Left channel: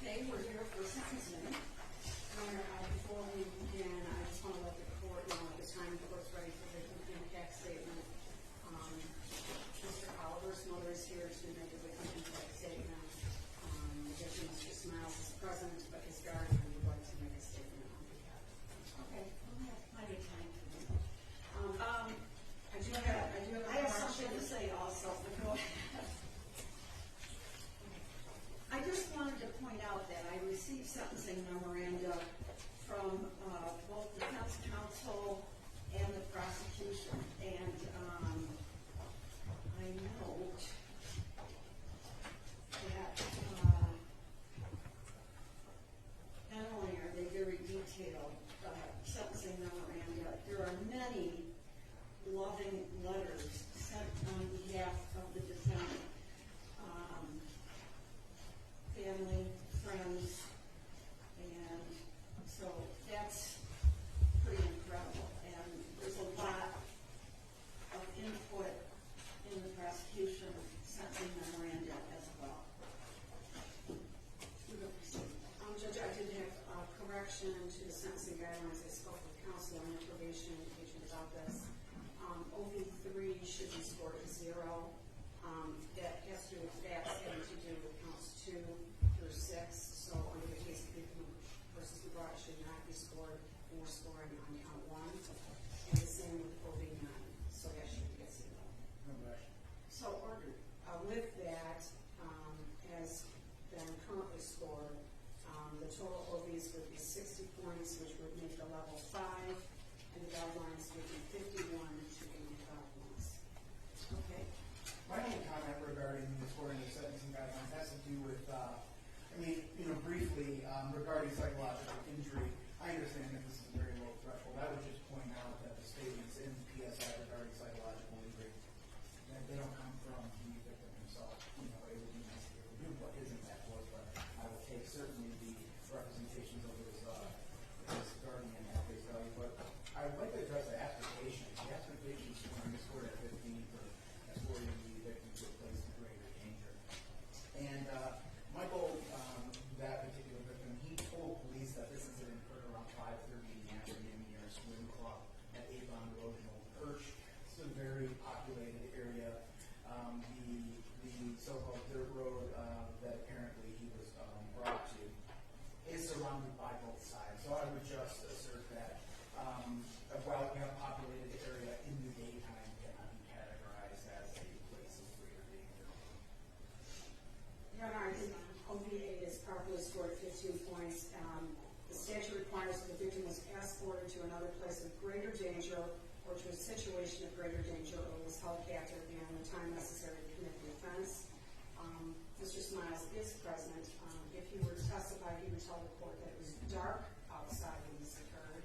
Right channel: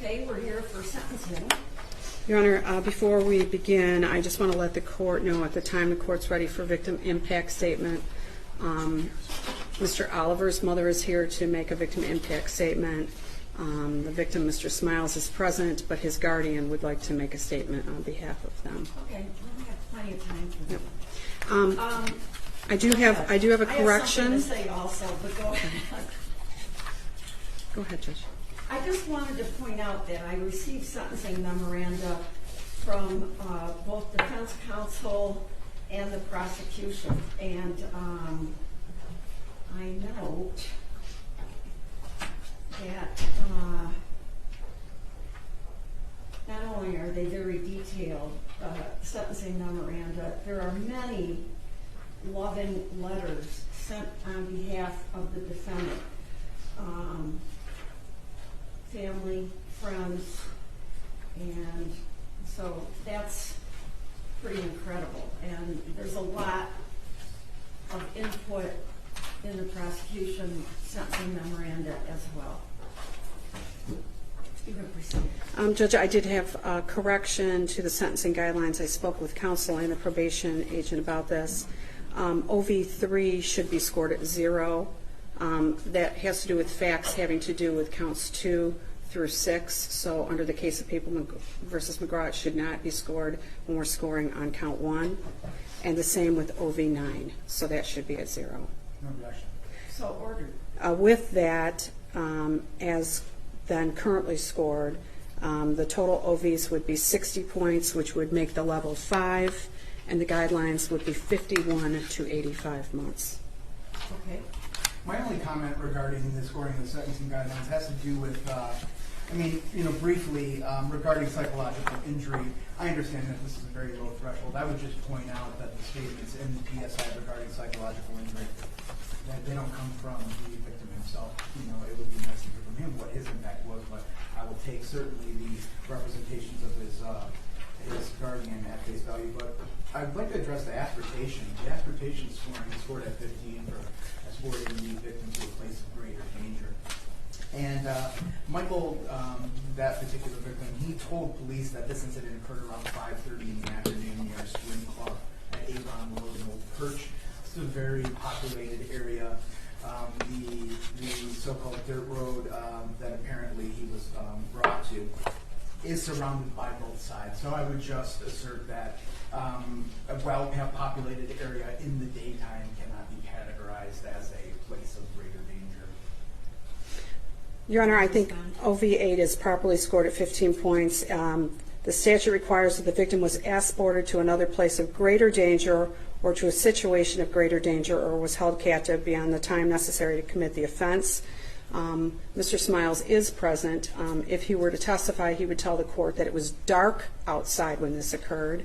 Okay, we're here for sentencing. Your Honor, before we begin, I just want to let the court know at the time the court's ready for victim impact statement. Mr. Oliver's mother is here to make a victim impact statement. The victim, Mr. Smiles, is present, but his guardian would like to make a statement on behalf of them. Okay, we have plenty of time for that. Yep. I do have a correction. I have something to say also, but go ahead. Go ahead, Judge. I just wanted to point out that I received sentencing memoranda from both defense counsel and the prosecution, and I note that not only are they very detailed sentencing memoranda, there are many loving letters sent on behalf of the defendant. Family, friends, and so that's pretty incredible. And there's a lot of input in the prosecution sentencing memoranda as well. You can proceed. Judge, I did have a correction to the sentencing guidelines. I spoke with counsel and the probation agent about this. OV3 should be scored at 0. That has to do with facts having to do with counts 2 through 6. So under the case of Papal versus McGraw, it should not be scored when we're scoring on count 1. And the same with OV9. So that should be at 0. No objection. So ordered. With that, as then currently scored, the total OVs would be 60 points, which would make the level 5, and the guidelines would be 51 to 85 months. Okay. My only comment regarding the scoring of the sentencing guidelines has to do with, briefly, regarding psychological injury. I understand that this is a very low threshold. I would just point out that the statements in the PSI regarding psychological injury, that they don't come from the victim himself. It would be nice to hear from him what his impact was, but I will take certainly the representations of his guardian at face value. But I'd like to address the aspertation. The aspertation scoring is scored at 15 for escorting the victim to a place of greater danger. And Michael, that particular victim, he told police that this incident occurred around 5:30 in the afternoon near a swim club at Avon Road in Old Perch. This is a very populated area. The so-called dirt road that apparently he was brought to is surrounded by both sides. So I would just assert that a well-populated area in the daytime cannot be categorized as a place of greater danger. Your Honor, I think OV8 is properly scored at 15 points. The statute requires that the victim was escorted to another place of greater danger or to a situation of greater danger or was held captive beyond the time necessary to commit the offense. Mr. Smiles is present. If he were to testify, he would tell the court that it was dark outside when this occurred,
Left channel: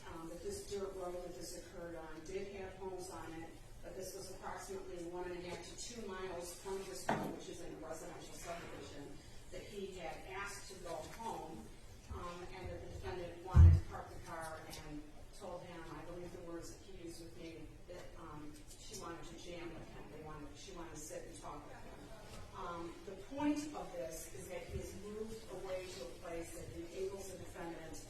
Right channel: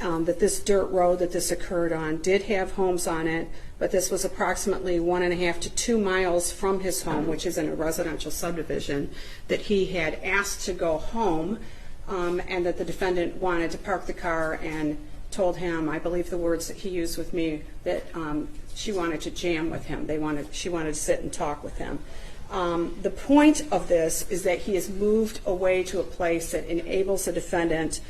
that this dirt road that this occurred on did have homes on it, but this was approximately 1.5 to 2 miles from his home, which is in a residential subdivision, that he had asked to go home, and that the defendant wanted to park the car and told him, I believe the words that he used with me, that she wanted to jam with him. She wanted to sit and talk with him. The point of this is that he is moved away to a place that enables the defendant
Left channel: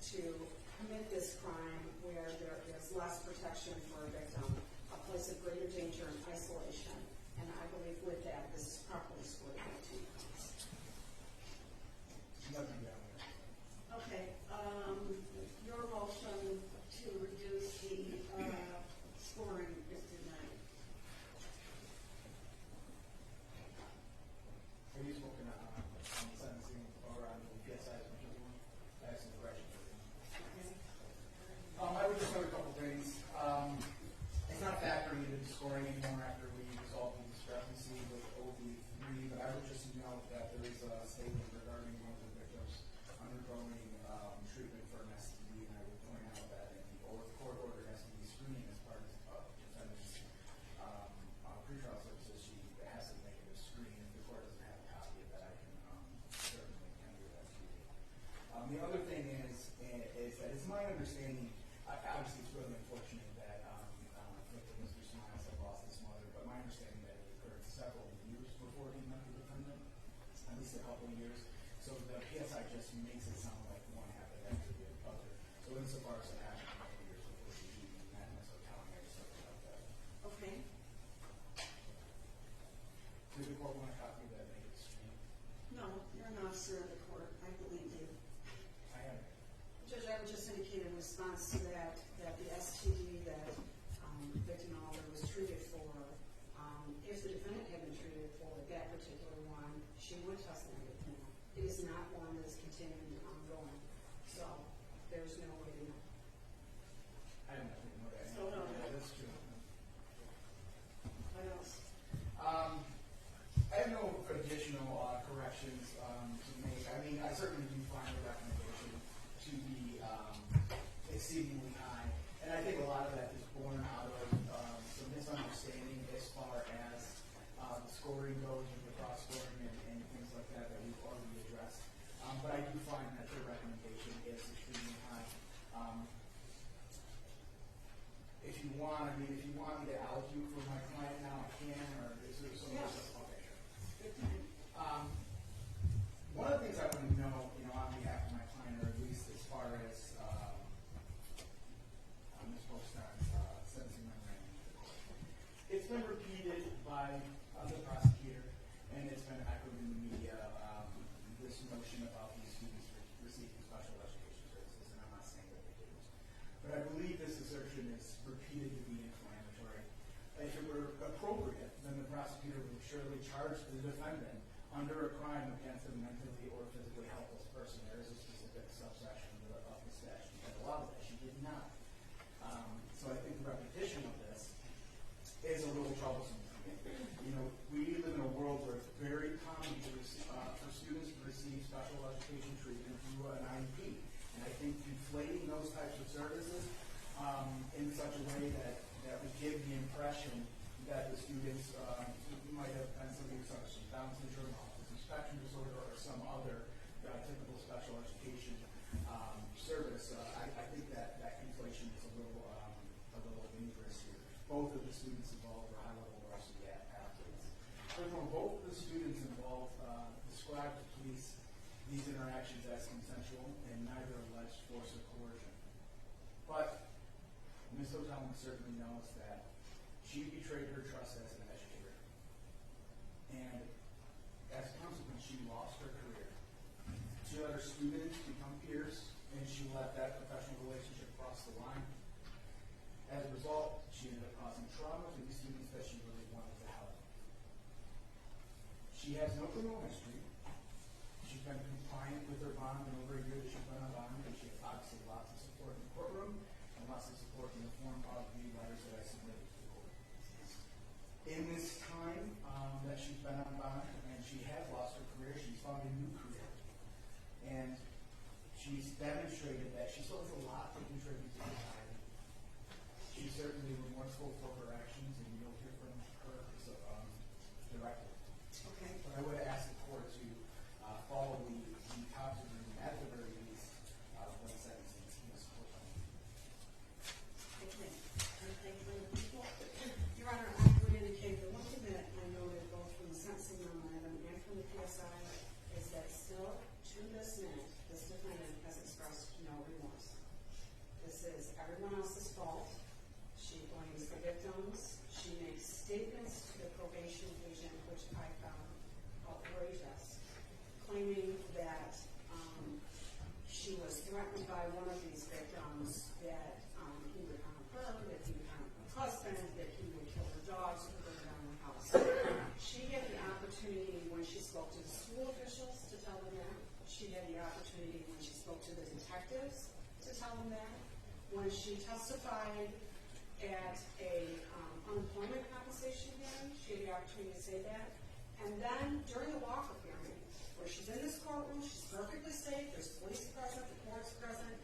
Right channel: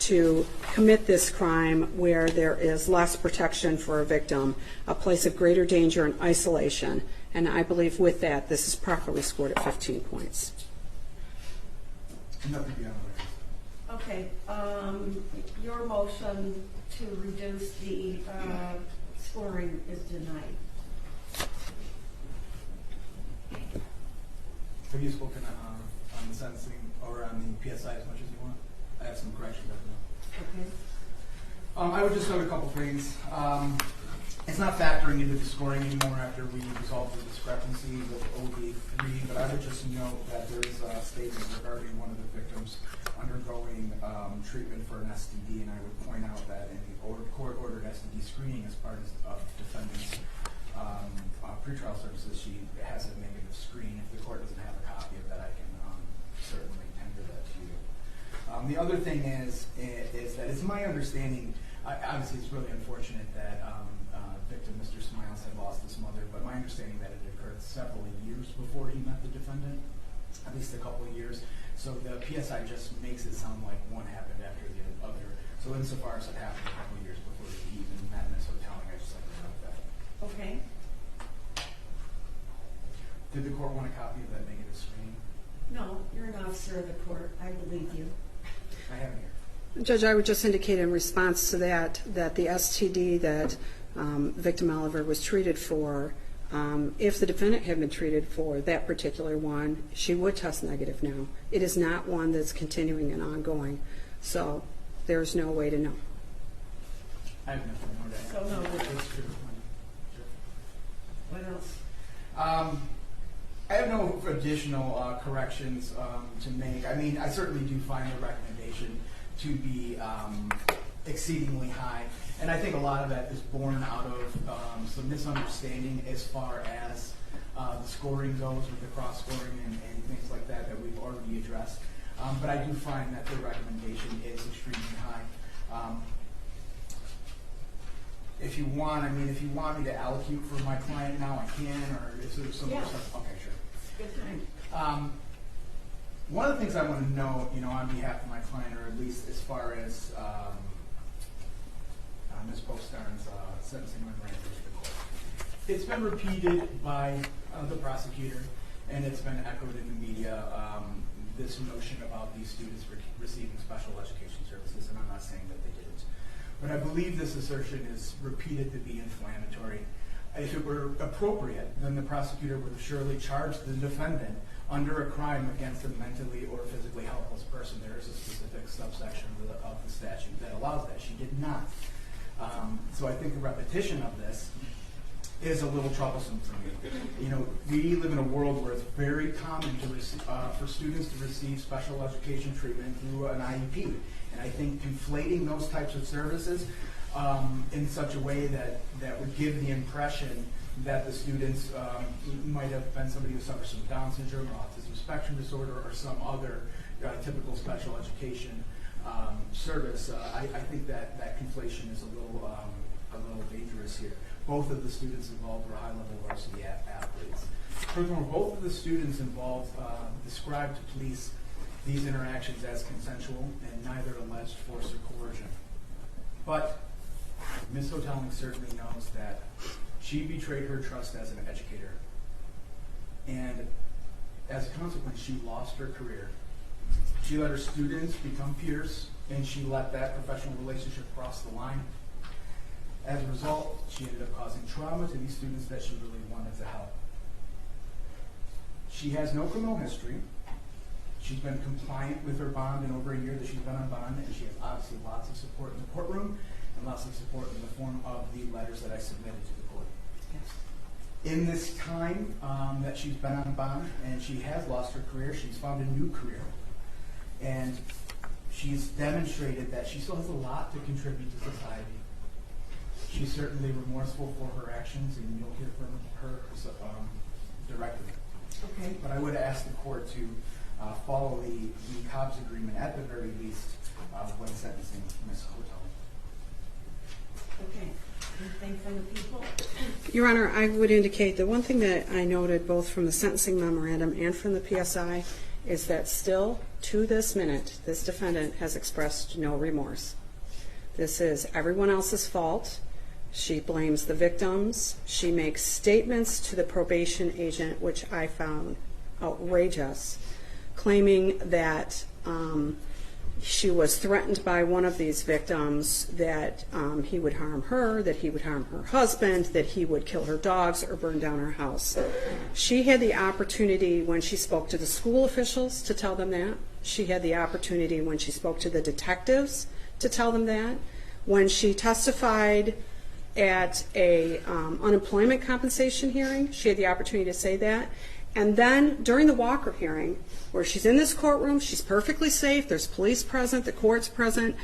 to commit this crime where there is less protection for a victim, a place of greater danger and isolation. And I believe with that, this is properly scored at 15 points. Nothing beyond that. Okay. Your motion to reduce the scoring is denied. Have you spoken on the sentencing or on the PSI as much as you want? I have some corrections. Okay. I would just note a couple things. It's not factoring into the scoring anymore after we resolved the discrepancy with OV3, but I would just note that there is a statement regarding one of the victims undergoing treatment for an STD, and I would point out that in the court-ordered STD screening as part of the defendant's pretrial services, she has a negative screen. If the court doesn't have a copy of that, I can certainly tender that to you. The other thing is that it's my understanding, obviously it's really unfortunate that victim Mr. Smiles had lost his mother, but my understanding that it occurred several years before he met the defendant, at least a couple of years. So the PSI just makes it sound like one happened after the other. So insofar as it happened a couple of years before he even met Ms. Hotelling, I just like to note that. Okay. Did the court want a copy of that negative screening? No, you're an officer of the court. I believe you. I have it here. Judge, I would just indicate in response to that, that the STD that victim Oliver was treated for, if the defendant had been treated for that particular one, she would test negative now. It is not one that's continuing and ongoing, so there's no way to know. I have nothing more to add. So no. That's true. What else? I have no additional corrections to make. I mean, I certainly do find the recommendation to be exceedingly high, and I think a lot of that is born out of some misunderstanding as far as the scoring goes with the cross scoring and things like that that we've already addressed. But I do find that the recommendation is extremely high. If you want, if you want me to allocate for my client now, I can, or is there some more stuff? Okay, sure. Good time. One of the things I want to know, on behalf of my client, or at least as far as Ms. Postarn's sentencing memorandum to the court, it's been repeated by the prosecutor, and it's been echoed in the media, this notion about these students receiving special education services, and I'm not saying that they didn't. But I believe this assertion is repeated to be inflammatory. If it were appropriate, then the prosecutor would have surely charged the defendant under a crime against a mentally or physically helpless person. There is a specific subsection of the statute that allows that. She did not. So I think the repetition of this is a little troublesome for me. We live in a world where it's very common for students to receive special education treatment through an IEP. And I think conflating those types of services in such a way that would give the impression that the students might have been somebody who suffers from Down syndrome or autism spectrum disorder or some other typical special education service. I think that conflation is a little dangerous here. Both of the students involved were high-level varsity athletes. Furthermore, both of the students involved described to police these interactions as consensual and neither alleged force or coercion. But Ms. Hotelling certainly knows that she betrayed her trust as an educator. And as a consequence, she lost her career. She let her students become peers, and she let that professional relationship cross the line. As a result, she ended up causing trauma to these students that she really wanted to help. She has no criminal history. She's been compliant with her bond in over a year that she's been on bond, and she has obviously lots of support in the courtroom and lots of support in the form of the letters that I submitted to the court. Yes. In this time that she's been on bond and she has lost her career, she's found a new career. And she's demonstrated that she still has a lot to contribute to society. She's certainly remorseful for her actions, and you'll hear from her directly. Okay. But I would ask the court to follow the Cobb's agreement at the very least when sentencing Ms. Hotelling. Okay. Anything from the people? Your Honor, I would indicate the one thing that I noted both from the sentencing memorandum and from the PSI is that still, to this minute, this defendant has expressed no remorse. This is everyone else's fault. She blames the victims. She makes statements to the probation agent, which I found outrageous, claiming that she was threatened by one of these victims that he would harm her, that he would harm her husband, that he would kill her dogs or burn down her house. She had the opportunity when she spoke to the school officials to tell them that. She had the opportunity when she spoke to the detectives to tell them that. When she testified at a unemployment compensation hearing, she had the opportunity to say that. And then during the Walker hearing, where she's in this courtroom, she's perfectly safe, there's police present, the court's present,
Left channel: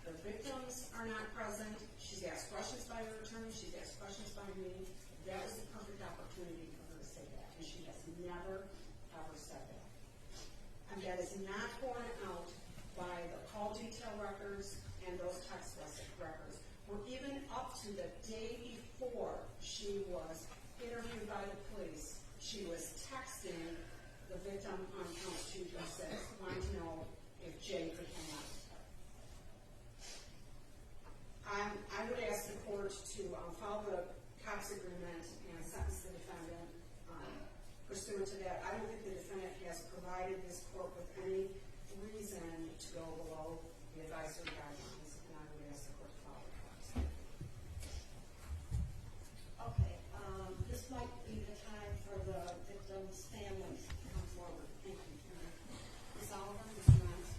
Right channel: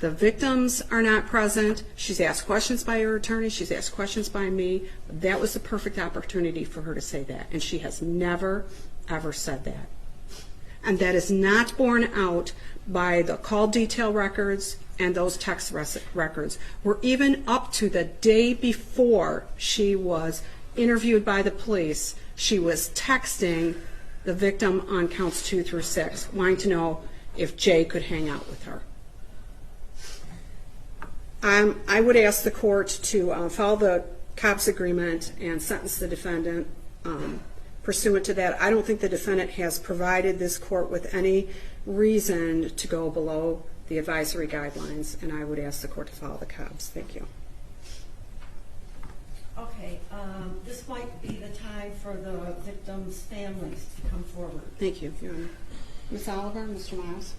the victims are not present, she's asked questions by her attorney, she's asked questions by me. That was the perfect opportunity for her to say that, and she has never, ever said that. And that is not borne out by the call detail records and those text records, where even up to the day before she was interviewed by the police, she was texting the victim on counts 2 through 6, wanting to know if Jay could hang out with her. I would ask the court to follow the cops agreement and sentence the defendant pursuant to that. I don't think the defendant has provided this court with any reason to go below the advisory guidelines, and I would ask the court to follow the cops. Thank you. Okay, this might be the time for the victims' families to come forward. Thank you, Your Honor. Ms. Oliver, Mr. Miles.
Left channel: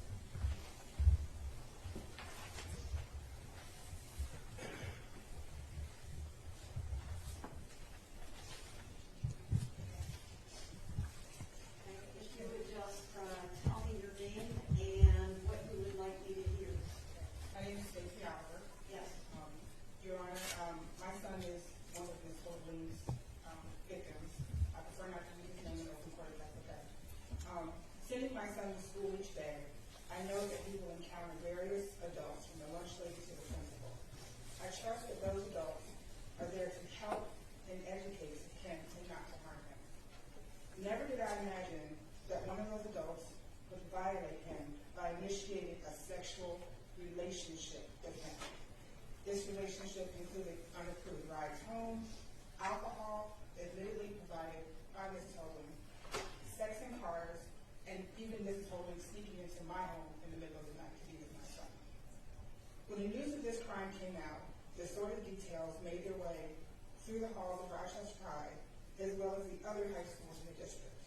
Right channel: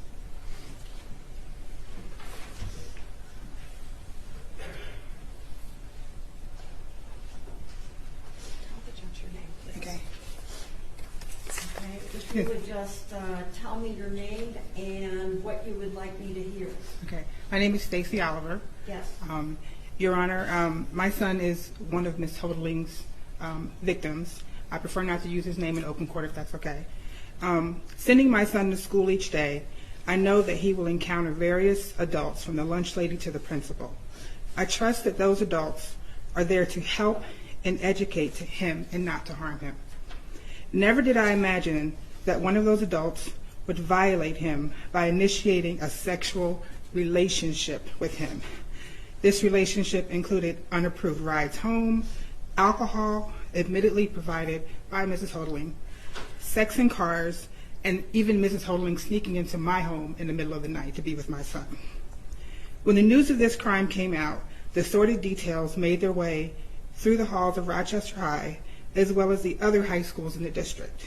Okay. Okay, if you would just tell me your name and what you would like me to hear. Okay. My name is Stacy Oliver. Yes. Your Honor, my son is one of Ms. Hodeling's victims. I prefer not to use his name in open court if that's okay. Sending my son to school each day, I know that he will encounter various adults, from the lunch lady to the principal. I trust that those adults are there to help and educate him and not to harm him. Never did I imagine that one of those adults would violate him by initiating a sexual relationship with him. This relationship included unapproved rides home, alcohol, admittedly provided by Mrs. Hodeling, sex in cars, and even Mrs. Hodeling sneaking into my home in the middle of the night to be with my son. When the news of this crime came out, the sordid details made their way through the halls of Rochester High, as well as the other high schools in the district.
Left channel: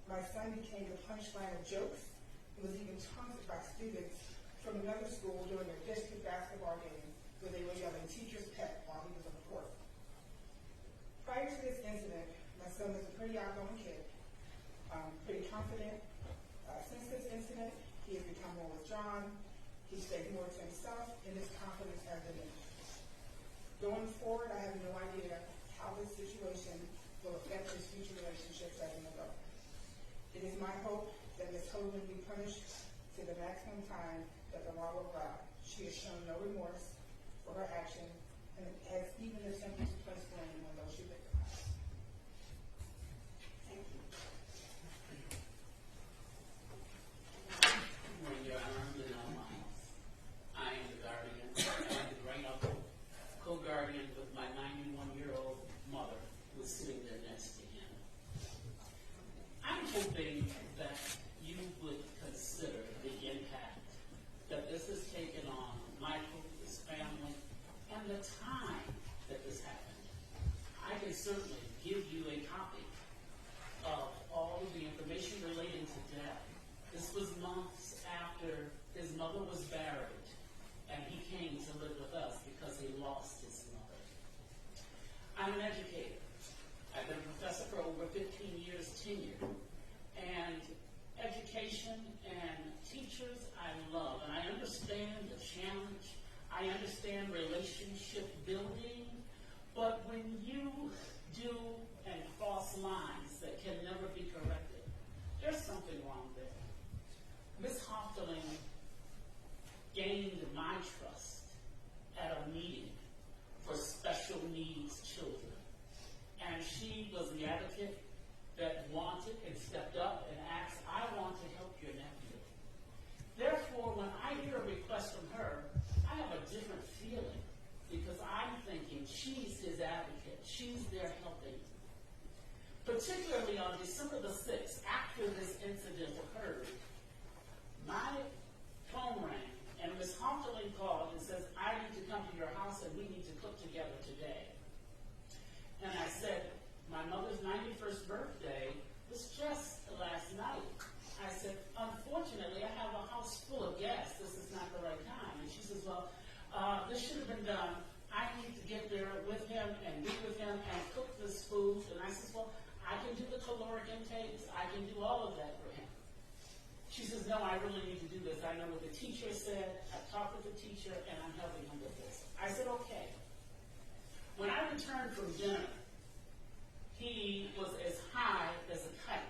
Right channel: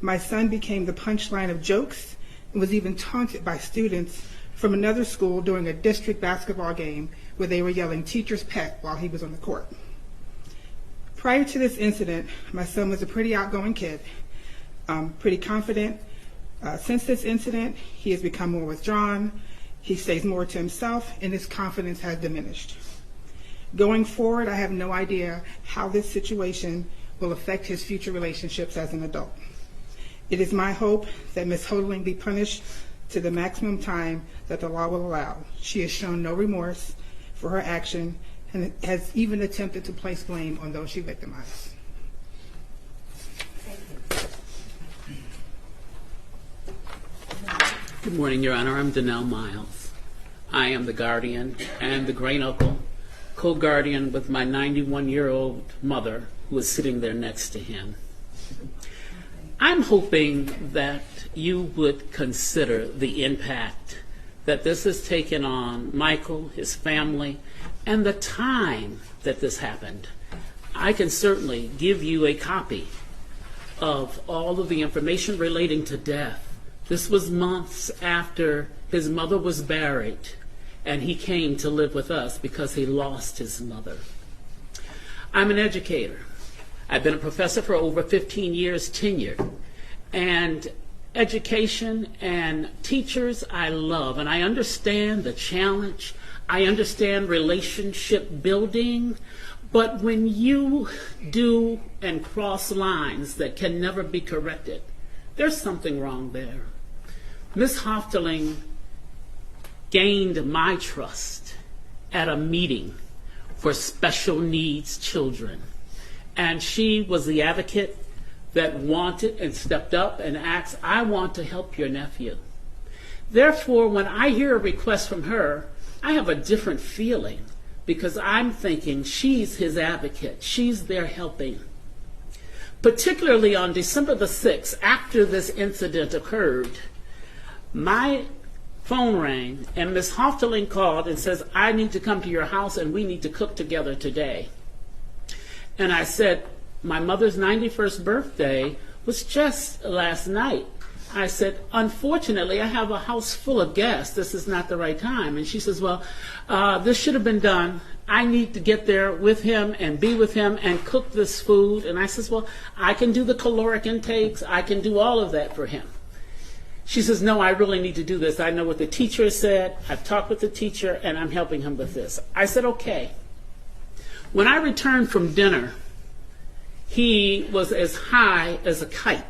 My son became the punchline of jokes and was even taunted by students from another school during a district basketball game where they were yelling "teacher's pet" while he was on the court. Prior to this incident, my son was a pretty outgoing kid, pretty confident. Since this incident, he has become more withdrawn, he stays more to himself, and his confidence has diminished. Going forward, I have no idea how this situation will affect his future relationships as an adult. It is my hope that Ms. Hodeling be punished to the maximum time that the law will allow. She has shown no remorse for her action and has even attempted to place blame on those she victimized. Good morning, Your Honor. I'm Donnell Miles. I am the guardian and the great-uncle, co-guardian with my 91-year-old mother, who is sitting there next to him. I'm hoping that you would consider the impact that this has taken on Michael, his family, and the time that this happened. I can certainly give you a copy of all of the information relating to death. This was months after his mother was buried, and he came to live with us because he lost his mother. I'm an educator. I've been a professor for over 15 years tenured, and education and teachers I love, and I understand the challenge. I understand relationship building, but when you do and cross lines that can never be corrected, there's something wrong there. Ms. Hofteling gained my trust at a meeting for special needs children, and she was the advocate that wanted and stepped up and asked, "I want to help your nephew." Therefore, when I hear a request from her, I have a different feeling because I'm thinking she's his advocate. She's there helping. Particularly on December the 6th, after this incident occurred, my phone rang and Ms. Hofteling called and says, "I need to come to your house and we need to cook together today." And I said, "My mother's 91st birthday was just last night." I said, "Unfortunately, I have a house full of guests. This is not the right time." And she says, "Well, this should have been done. I need to get there with him and be with him and cook this food." And I says, "Well, I can do the caloric intakes. I can do all of that for him." She says, "No, I really need to do this. I know what the teacher said. I've talked with the teacher, and I'm helping him with this." I said, "Okay." When I returned from dinner, he was as high as a kite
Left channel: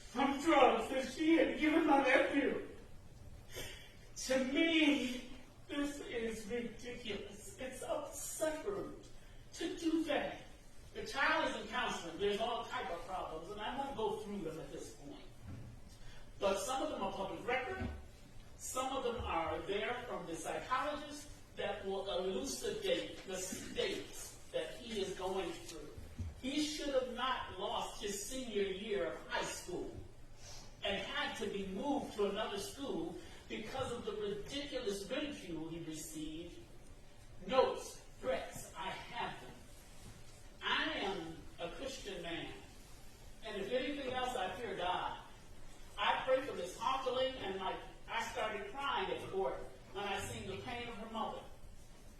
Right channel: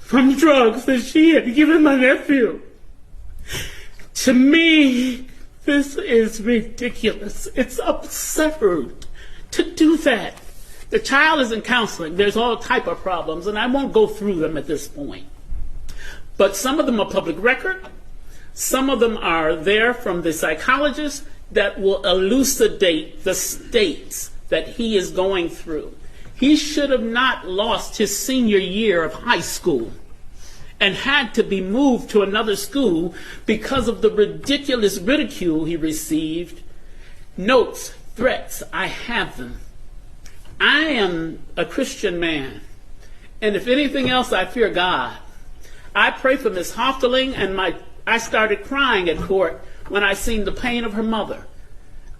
from drugs that she had given my nephew. To me, this is ridiculous. It's absurd to do that The child is in counseling. There's all type of problems, and I won't go through them at this point. But some of them are public record. Some of them are there from the psychologist that will elucidate the states that he is going through. He should have not lost his senior year of high school and had to be moved to another school because of the ridiculous ridicule he received. Notes, threats, I have them. I am a Christian man, and if anything else, I fear God. I pray for Miss Hofteling, and I started crying at court when I seen the pain of her mother.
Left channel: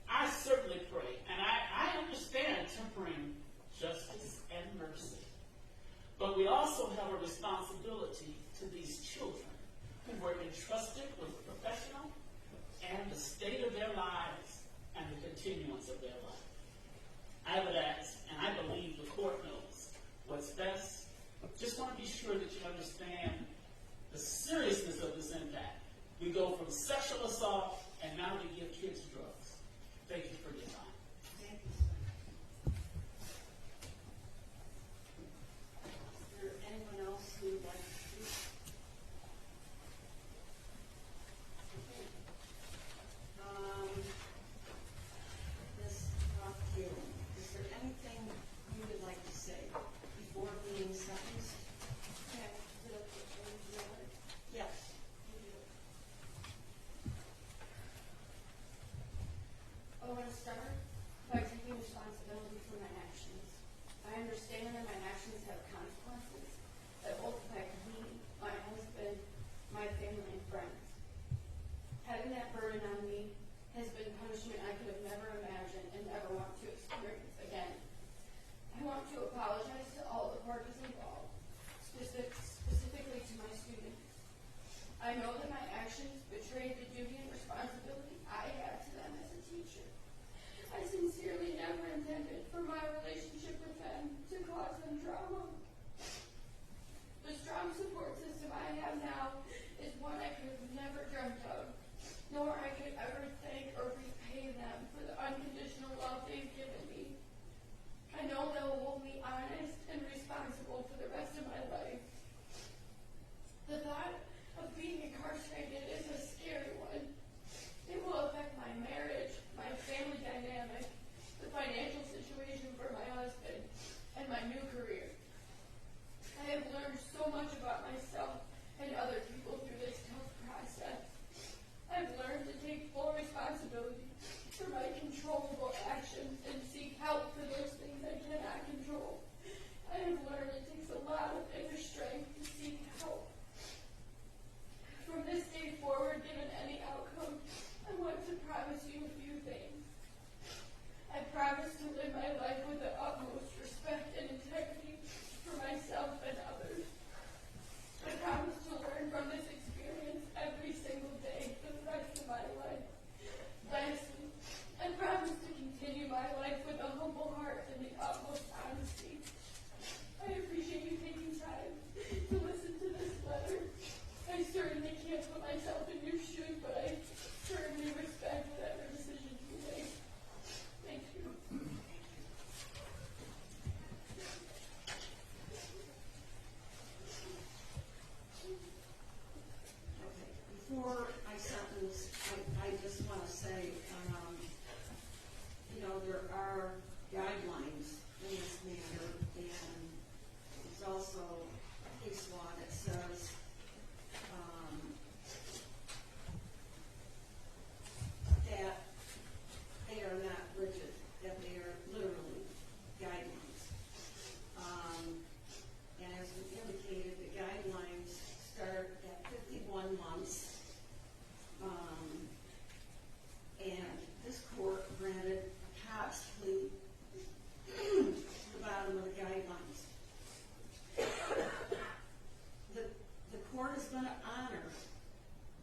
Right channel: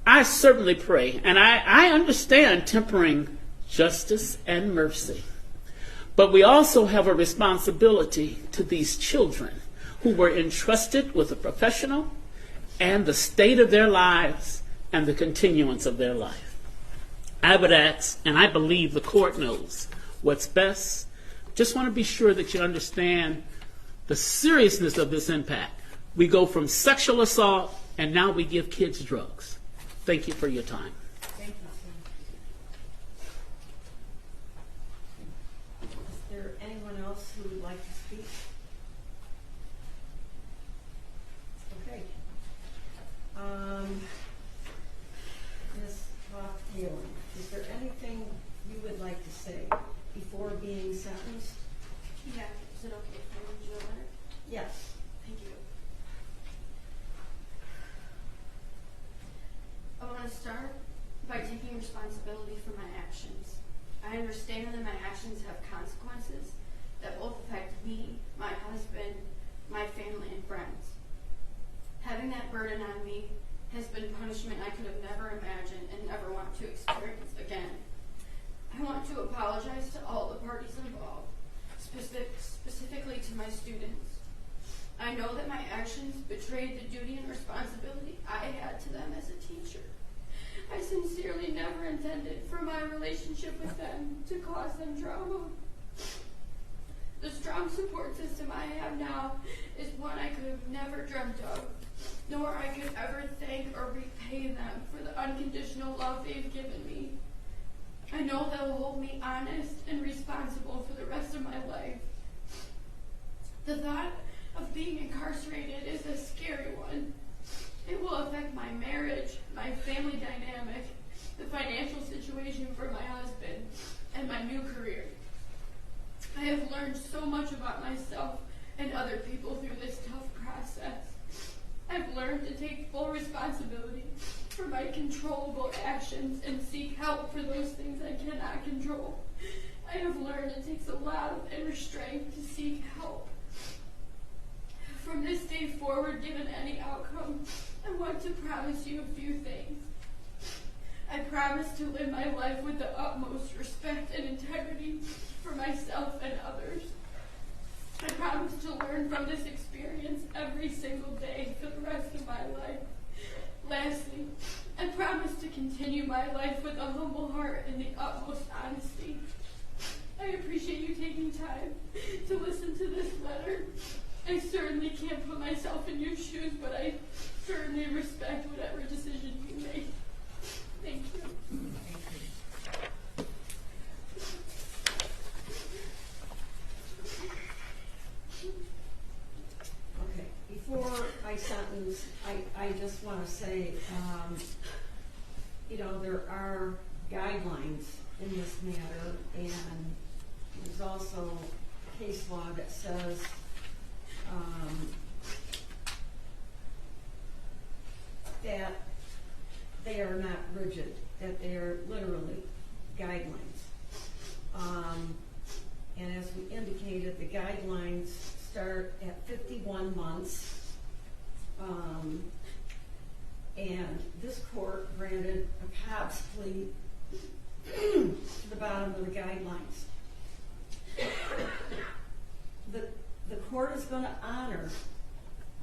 I certainly pray, and I understand tempering justice and mercy. But we also have a responsibility to these children who were entrusted with a professional and the state of their lives and the continuance of their life. I would ask, and I believe the court knows what's best. Just want to be sure that you understand the seriousness of this impact. We go from sexual assault, and now we give kids drugs. Thank you for your time. Thank you, sir. Is there anyone else who would like to speak? Okay. Ms. Roth-Taylor, is there anything you would like to say before being sentenced? Yeah, is it okay if I read you a letter? Yes. Thank you. I want to start by taking responsibility for my actions. I understand that my actions have consequences that both affect me, my husband, my family, and friends. Having that burden on me has been punishment I could have never imagined and never want to experience again. I want to apologize to all the parties involved, specifically to my students. I know that my actions betrayed the duty and responsibility I had to them as a teacher. I sincerely never intended for my relationship with them to cause them trauma. The strong support system I have now is one I could have never dreamt of, nor I could ever thank or repay them for the unconditional love they've given me. I know they'll hold me honest and responsible for the rest of my life. The thought of being incarcerated is a scary one. It will affect my marriage, my family dynamic, the financial situation for my husband, and my new career. I have learned so much about myself and other people through this tough process. I've learned to take full responsibility for my controllable actions and seek help for those things I cannot control. I have learned it takes a lot of inner strength to seek help. From this day forward, given any outcome, I want to promise you a few things. I promise to live my life with the utmost respect and integrity for myself and others. I promise to learn from this experience every single day for the rest of my life. Lastly, I promise to continue my life with a humble heart and the utmost honesty. I appreciate you taking time to listen to this letter. I certainly can't put myself in your shoes, but I certainly respect whatever decision you make. Thank you. Okay, before I sentence, I just want to say, there are guidelines in this matter, and there's also case law that says that they are not rigid, that they are literally guidelines. And as we indicated, the guidelines start at 51 months. And this court granted a Cobb's plea to the bottom of the guidelines. The court is going to honor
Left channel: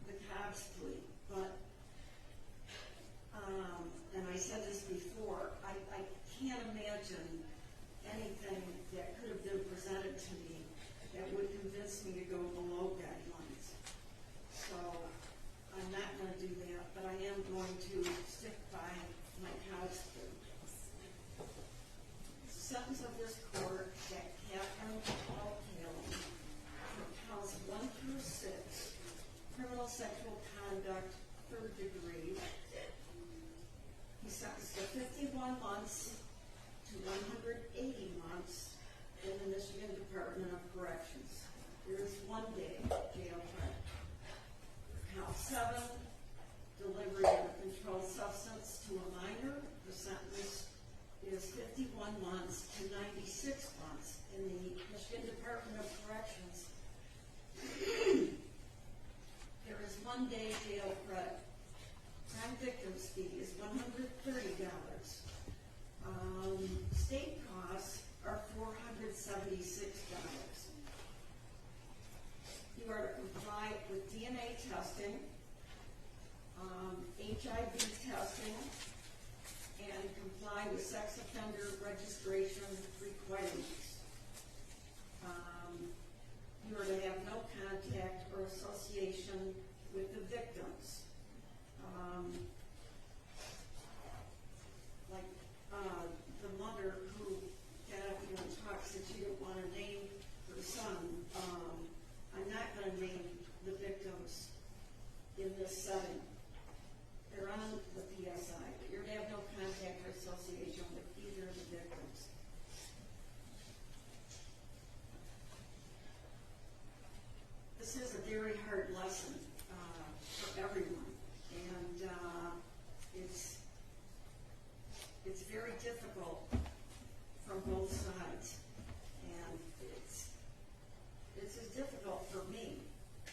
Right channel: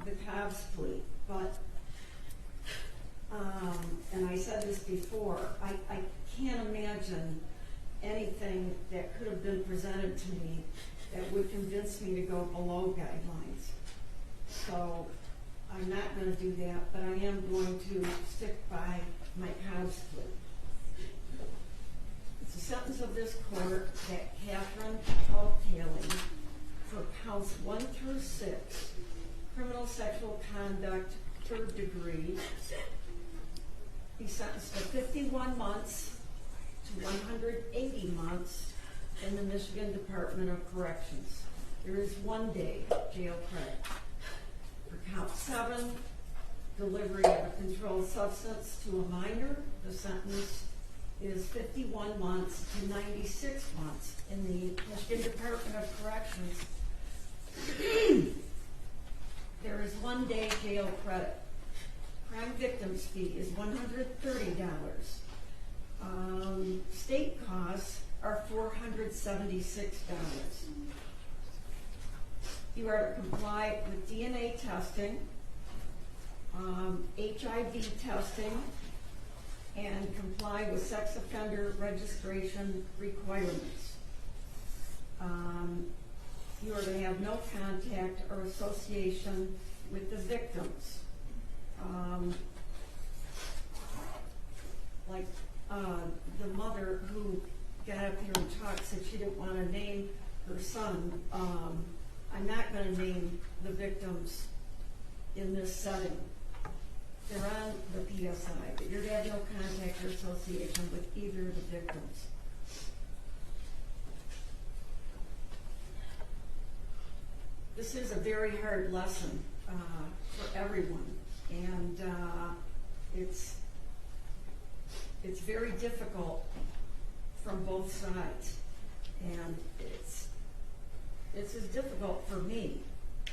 the Cobb's plea, but, and I said this before, I can't imagine anything that could have been presented to me that would convince me to go below guidelines. So I'm not going to do that, but I am going to stick by my Cobb's plea. It's a sentence of this court that Catherine O'Haley, for counts 1 through 6, criminal sexual conduct, 3rd degree, be sentenced to 51 months to 180 months in the Michigan Department of Corrections. There is 1 day jail credit. For count 7, delivery of a controlled substance to a minor, the sentence is 51 months to 96 months in the Michigan Department of Corrections. There is 1 day jail credit. Crime victims fee is $130. State costs are $476. You are to comply with DNA testing, HIV testing, and comply with sex offender registration requirements. You are to have no contact or association with the victims. Like the mother who got up here and talked said she didn't want to name her son. I'm not going to name the victims in this setting. They're on the PSI, but you're to have no contact or association with either of the victims. This is a very hard lesson for everyone, and it's very difficult from both sides, and it's as difficult for me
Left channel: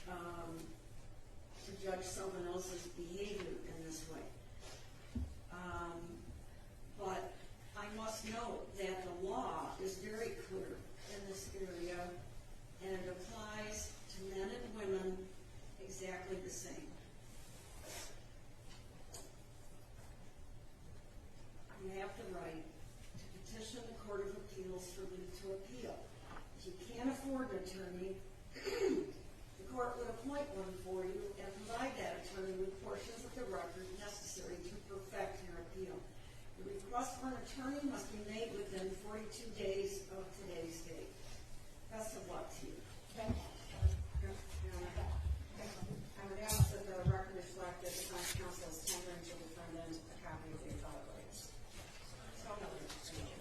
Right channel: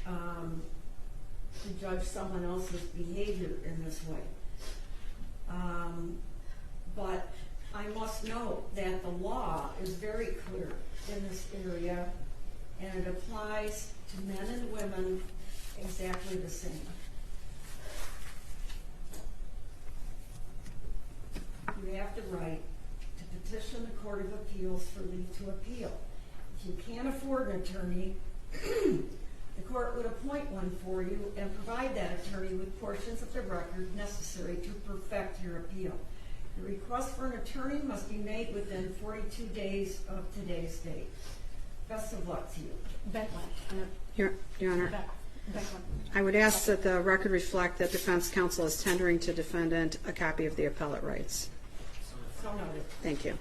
to judge someone else's behavior in this way. But I must note that the law is very clear in this area, and it applies to men and women exactly the same. You have the right to petition the Court of Appeals for leave to appeal. If you can't afford an attorney, the court would appoint one for you and provide that attorney with portions of the record necessary to perfect your appeal. The request for an attorney must be made within 42 days of today's date. Best of luck to you. Your Honor, I would ask that the record reflect that defense counsel is tendering to defendant a copy of the appellate rights. So noted. Thank you.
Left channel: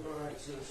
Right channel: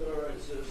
All right, sis.